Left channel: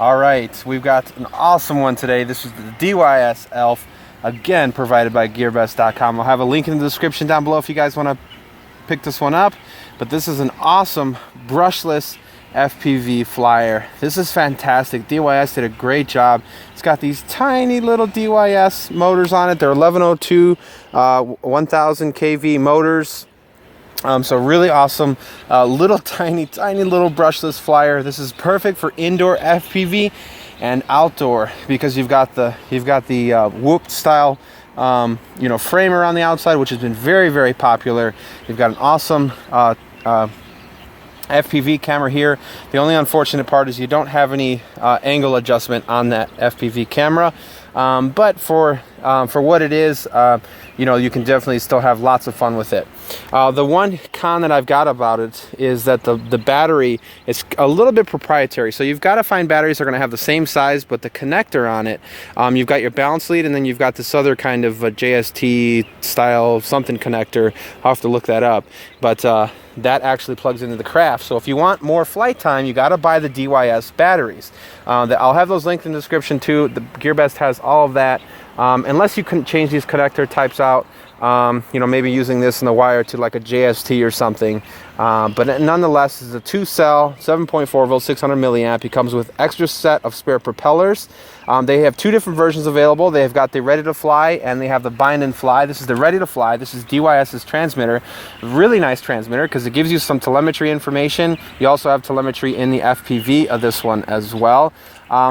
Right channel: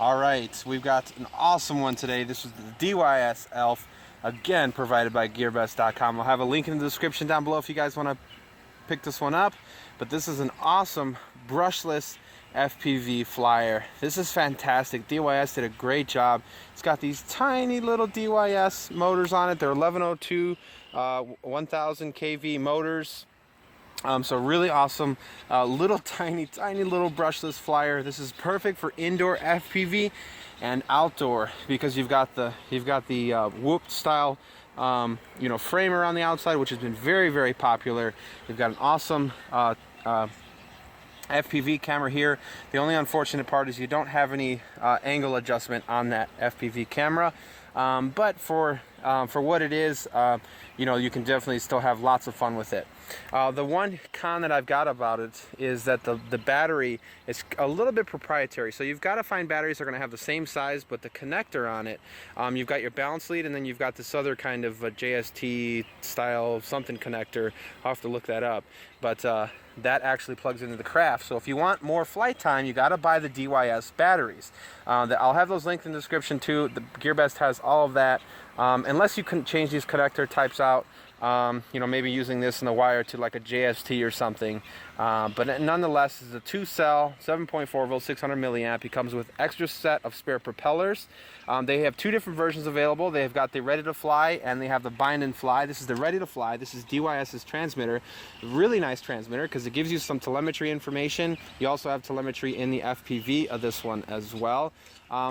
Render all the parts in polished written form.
All right, we've got an awesome one today. This is the DYS Elf, again provided by GearBest.com. I'll have a link in the description down below if you guys want to pick this one up. But this is an awesome brushless FPV flyer. This is fantastic. DYS did a great job. It's got these tiny little DYS motors on it. They're 1102 1000 kV motors. So really awesome, little tiny little brushless flyer. This is perfect for indoor FPV and outdoor because you've got the whooped style framer on the outside, which has been very popular. You've got an awesome FPV camera here. The only unfortunate part is you don't have any angle adjustment on that FPV camera, but for what it is, you can definitely still have lots of fun with it. The one con that I've got about it is that the battery is a little bit proprietary. So you've got to find batteries that are going to have the same size, but the connector on it, you've got your balance lead, and then you've got this other kind of JST style something connector. I'll have to look that up, but that actually plugs into the craft. So if you want more flight time, you got to buy the DYS batteries. I'll have those linked in the description too. The GearBest has all of that. Unless you can change these connector types out, maybe using this in the wire to like a JST or something. But nonetheless, it's a 2-cell, 7.4 volt, 600 milliamp. It comes with extra set of spare propellers. They have two different versions available. They've got the ready to fly and they have the bind and fly. This is the ready to fly. This is DYS's transmitter. Really nice transmitter because it gives you some telemetry information. You also have telemetry in the FPV of this one as well.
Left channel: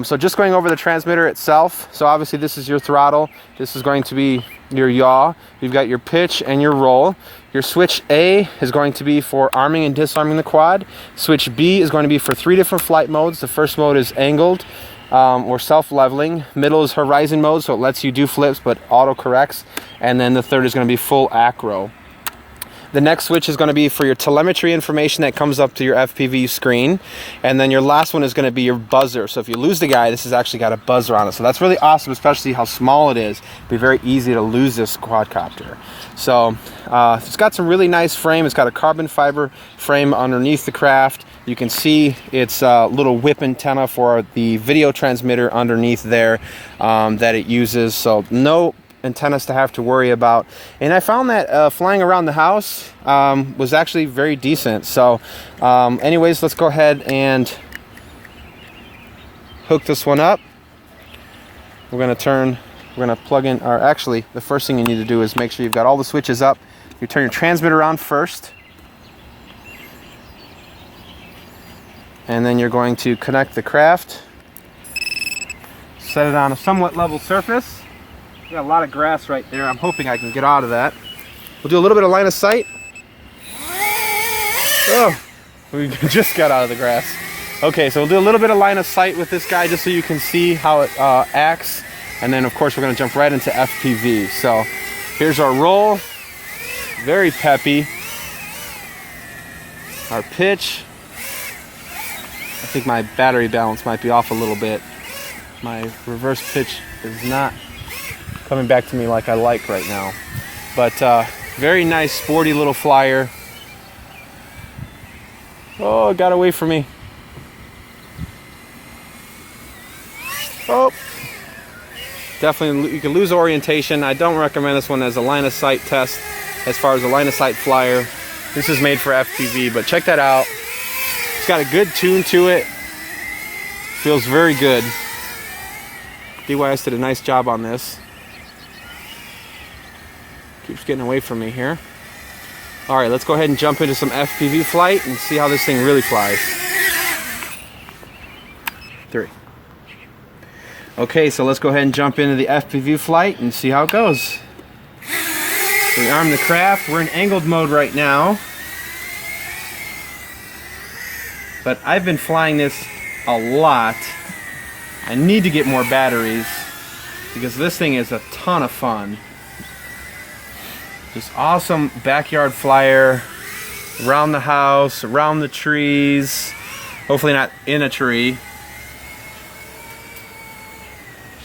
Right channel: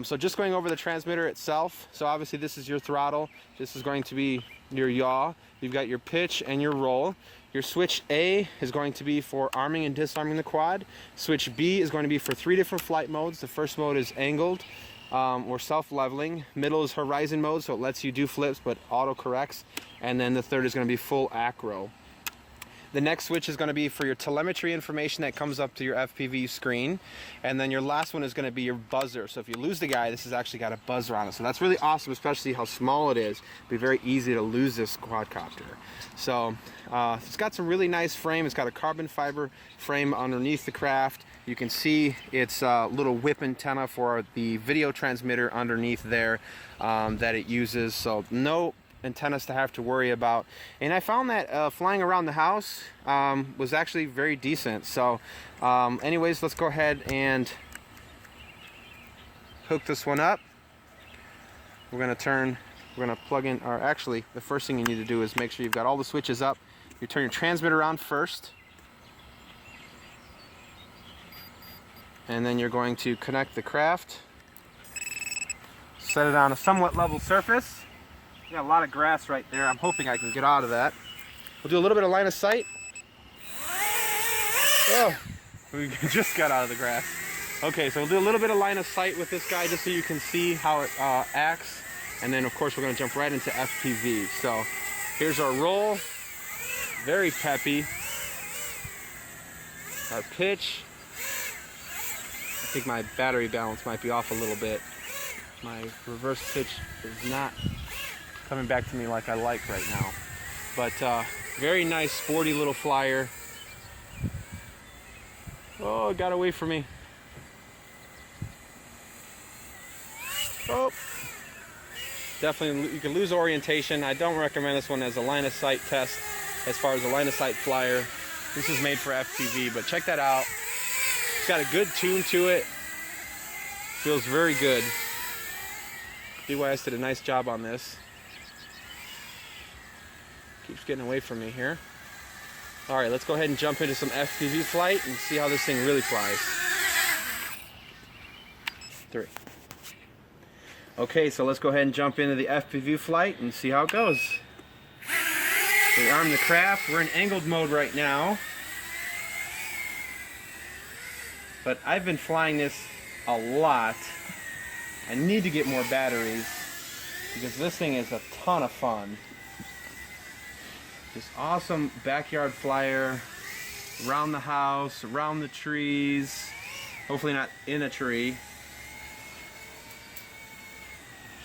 So just going over the transmitter itself. So obviously this is your throttle. This is going to be your yaw. You've got your pitch and your roll. Your switch A is going to be for arming and disarming the quad. Switch B is going to be for 3 different flight modes. The first mode is angled or self-leveling. Middle is horizon mode, so it lets you do flips but auto-corrects. And then the third is going to be full acro. The next switch is going to be for your telemetry information that comes up to your FPV screen. And then your last one is going to be your buzzer. So if you lose the guy, this has actually got a buzzer on it. So that's really awesome, especially how small it is. It'd be very easy to lose this quadcopter. So it's got some really nice frame. It's got a carbon fiber frame underneath the craft. You can see its little whip antenna for the video transmitter underneath there that it uses. So no antennas to have to worry about, and I found that flying around the house was actually very decent. So anyways, let's go ahead and hook this one up. We're going to plug in, or actually the first thing you need to do is make sure you've got all the switches up. You turn your transmitter on first, and then you're going to connect the craft, set it on a somewhat level surface. Got a lot of grass right there. I'm hoping I can get out of that. We'll do a little bit of line of sight. Oh, we just got out of the grass. Okay, so we'll do a little bit of line of sight with this guy just so you can see how it acts. And then of course we're gonna jump right into FPV. So here's our roll. Very peppy. Our pitch. I think my battery balance might be off a little bit. My reverse pitch is not coming back to me like I like right now. But very nice, sporty little flyer. Oh, it got away from me. Oh, definitely you can lose orientation. I don't recommend this one as a line of sight test as far as a line of sight flyer. This is made for FPV, but check that out. It's got a good tune to it. Feels very good. DYS did a nice job on this. Keeps getting away from me here. All right, let's go ahead and jump into some FPV flight and see how this thing really flies. 3. Okay, so let's go ahead and jump into the FPV flight and see how it goes. We arm the craft. We're in angled mode right now. But I've been flying this a lot. I need to get more batteries because this thing is a ton of fun. This awesome backyard flyer, around the house, around the trees, hopefully not in a tree.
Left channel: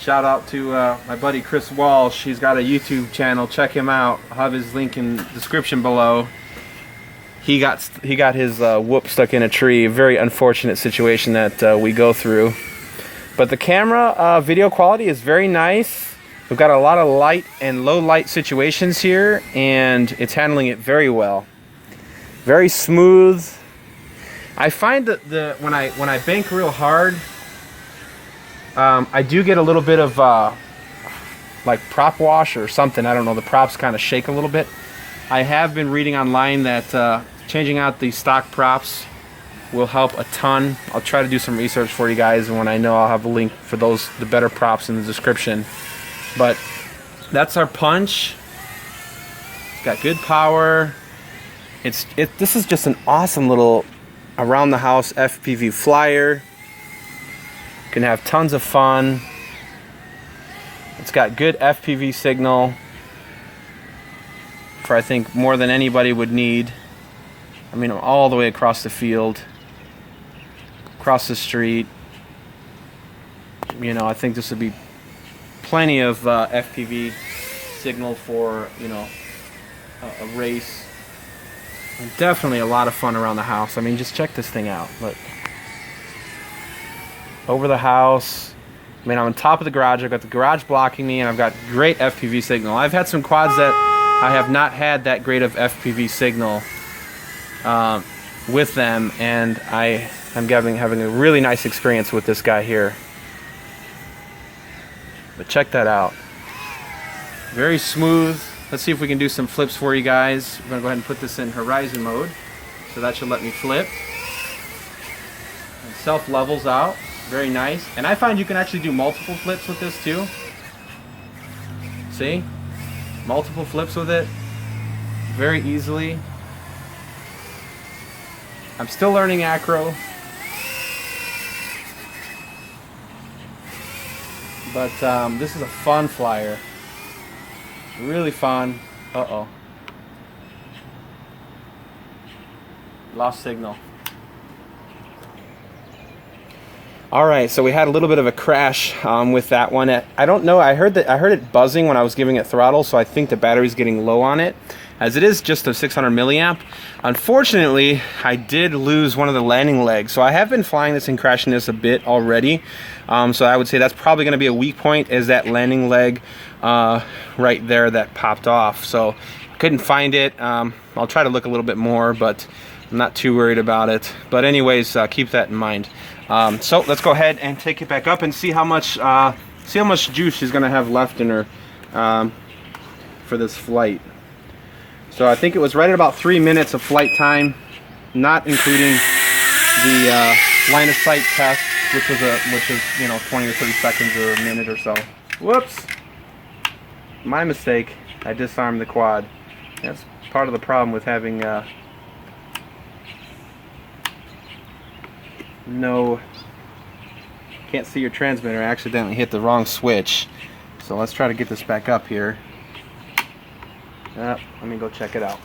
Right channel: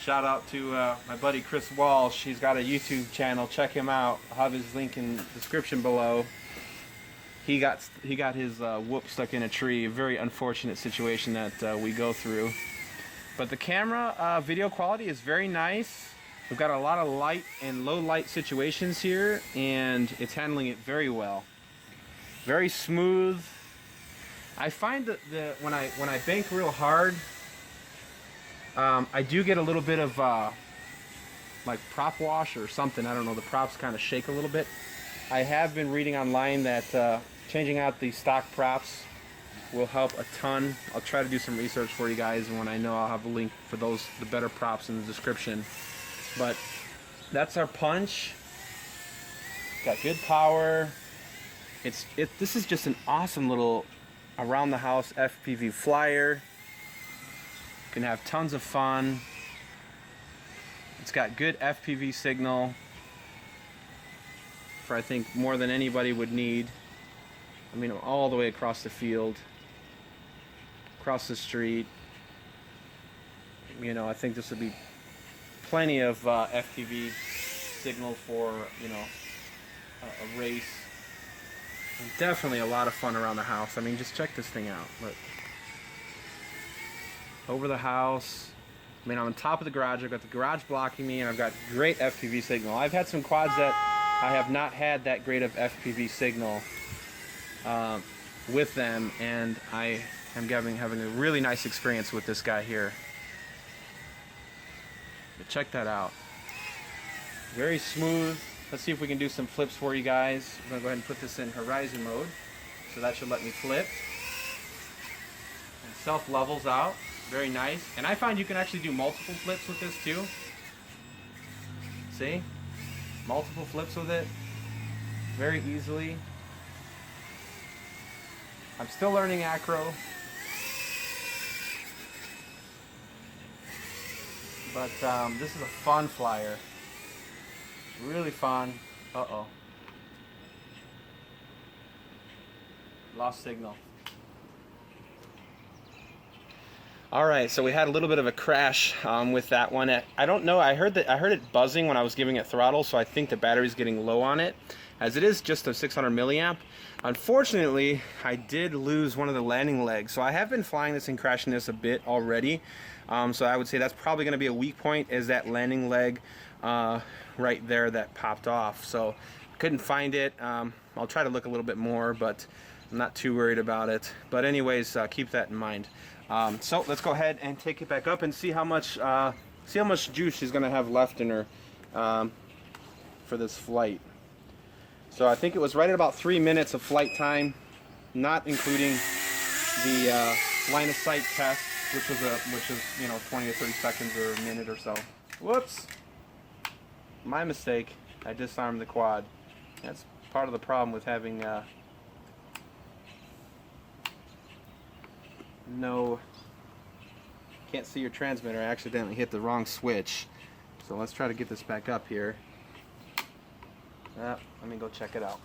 Shout out to my buddy Chris Walsh. He's got a YouTube channel. Check him out. I'll have his link in the description below. He got his whoop stuck in a tree. A very unfortunate situation that we go through. But the camera video quality is very nice. We've got a lot of light and low light situations here, and it's handling it very well. Very smooth. I find that when I bank real hard, I do get a little bit of like prop wash or something. I don't know, the props kind of shake a little bit. I have been reading online that changing out the stock props will help a ton. I'll try to do some research for you guys, and when I know, I'll have a link for the better props in the description. But that's our punch. Got good power. This is just an awesome little around the house FPV flyer. Can have tons of fun. It's got good FPV signal for, I think, more than anybody would need. I mean, all the way across the field, across the street. You know, I think this would be plenty of FPV signal for, you know, a race. And definitely a lot of fun around the house. I mean, just check this thing out. Look. Over the house. I mean, I'm on top of the garage. I've got the garage blocking me, and I've got great FPV signal. I've had some quads that I have not had that great of FPV signal with them, and I am having a really nice experience with this guy here. But check that out. Very smooth. Let's see if we can do some flips for you guys. We're going to go ahead and put this in horizon mode. So that should let me flip. And self levels out. Very nice. And I find you can actually do multiple flips with this too. See? Multiple flips with it. Very easily. I'm still learning acro. But this is a fun flyer. Really fun. Uh-oh. Lost signal. Alright, so we had a little bit of a crash with that one. I don't know, I heard it buzzing when I was giving it throttle, so I think the battery's getting low on it, as it is just a 600 milliamp. Unfortunately, I did lose one of the landing legs, so I have been flying this and crashing this a bit already. So I would say that's probably going to be a weak point, is that landing leg right there that popped off. So couldn't find it. I'll try to look a little bit more, but I'm not too worried about it. But anyways, keep that in mind. So let's go ahead and take it back up and see how much juice she's going to have left in her for this flight. So I think it was right at about 3 minutes of flight time, not including the line of sight test, which is you know, 20 or 30 seconds or a minute or so. Whoops, my mistake. I disarmed the quad. That's part of the problem with having can't see your transmitter. I accidentally hit the wrong switch. So let's try to get this back up here. Let me go check it out.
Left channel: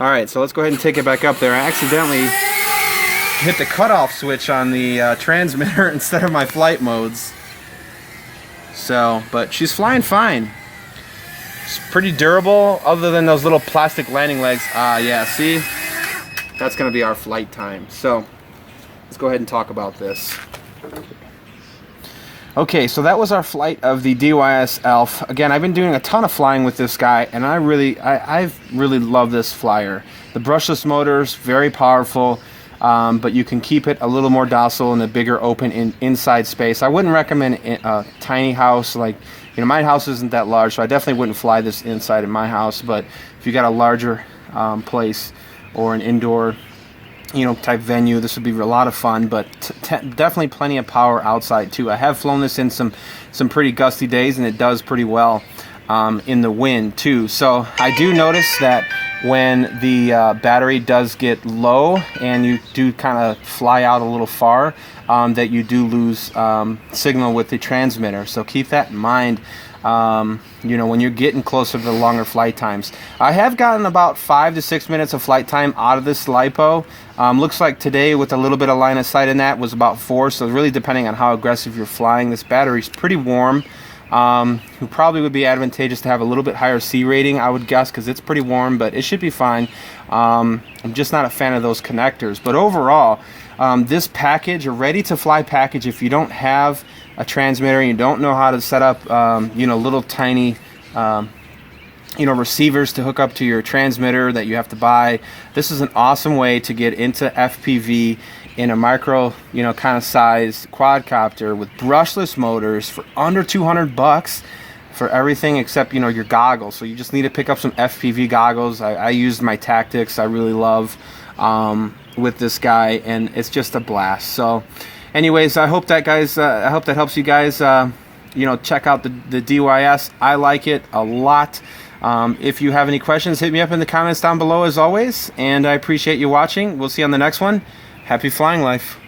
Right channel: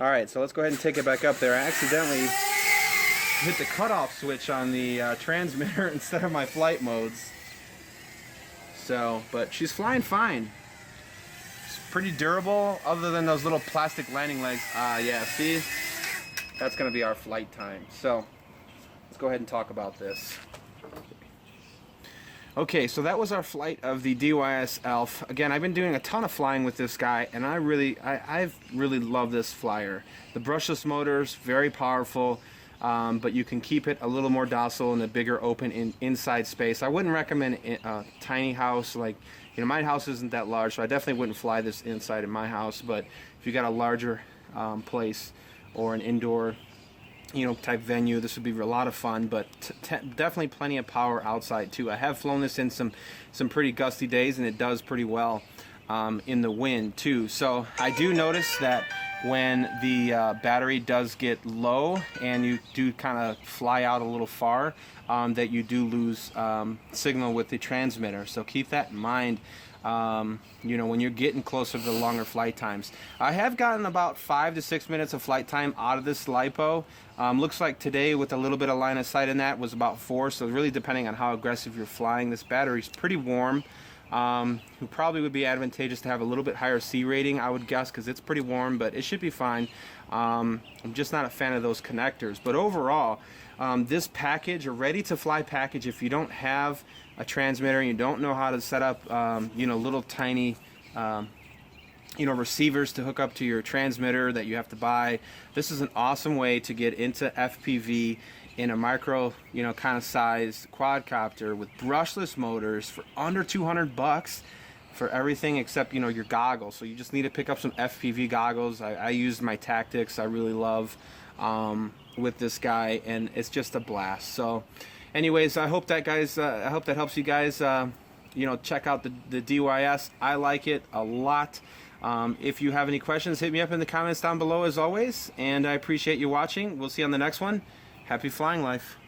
Alright, so let's go ahead and take it back up there. I accidentally hit the cutoff switch on the transmitter instead of my flight modes. So, but she's flying fine. It's pretty durable, other than those little plastic landing legs. Yeah, see? That's going to be our flight time. So, let's go ahead and talk about this. Okay, so that was our flight of the DYS Elf. Again, I've been doing a ton of flying with this guy, and I've really loved this flyer. The brushless motor's very powerful, but you can keep it a little more docile in a bigger open inside space. I wouldn't recommend a tiny house. Like, you know, my house isn't that large, so I definitely wouldn't fly this inside of my house. But if you got a larger place or an indoor, you know, type venue, this would be a lot of fun. But definitely plenty of power outside too. I have flown this in some pretty gusty days, and it does pretty well in the wind too. So I do notice that when the battery does get low and you do kind of fly out a little far, that you do lose signal with the transmitter. So keep that in mind. You know, when you're getting closer to the longer flight times. I have gotten about 5 to 6 minutes of flight time out of this LiPo. Looks like today, with a little bit of line of sight in that, was about 4, so really depending on how aggressive you're flying. This battery's pretty warm who probably would be advantageous to have a little bit higher C rating, I would guess, because it's pretty warm, but it should be fine. I'm just not a fan of those connectors. But overall, this package, a ready-to-fly package, if you don't have a transmitter and you don't know how to set up, you know, little tiny, you know, receivers to hook up to your transmitter that you have to buy, this is an awesome way to get into FPV in a micro, you know, kind of size quadcopter with brushless motors for under 200 bucks for everything except, you know, your goggles. So you just need to pick up some FPV goggles. I used my Tactics, I really love, with this guy, and it's just a blast. So anyways, I hope that, guys, I hope that helps you guys, you know, check out the DYS. I like it a lot. If you have any questions, hit me up in the comments down below as always, and I appreciate you watching. We'll see you on the next one. Happy flying life.